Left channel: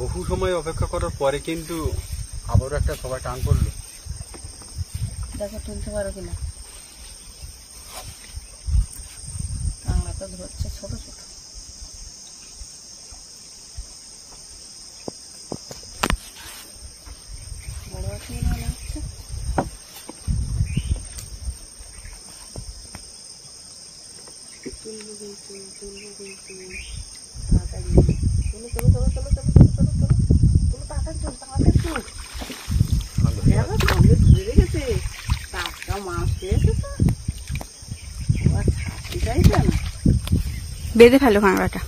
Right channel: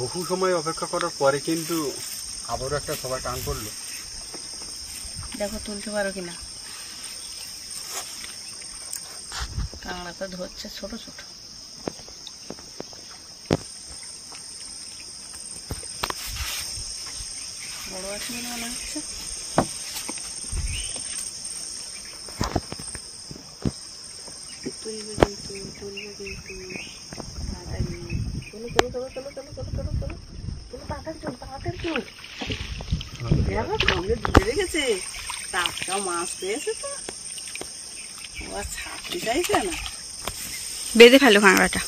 বহু সময় অপেক্ষা করার পরে কিন্তু আবারও একটা সবাই টান পড়লো। দেখো তুলতে পারো কিনা। কাঁকড়াটা ধরছে ছোট ছোট। বড় আছে মনে হচ্ছে। তুলবে কিন্তু তাড়াতাড়ি চলো চলো চলো চলো চলো চলো চলো চলো চলো তাড়াতাড়ি চলো তাড়াতাড়ি চলো। দেখো সঙ্গে দিয়ে রেখেছে, টাটকা মাছ পেয়েছে তো, আবার ছাড়তে চাইছে না। বেঁধে ফেলো কাঁকড়াটা।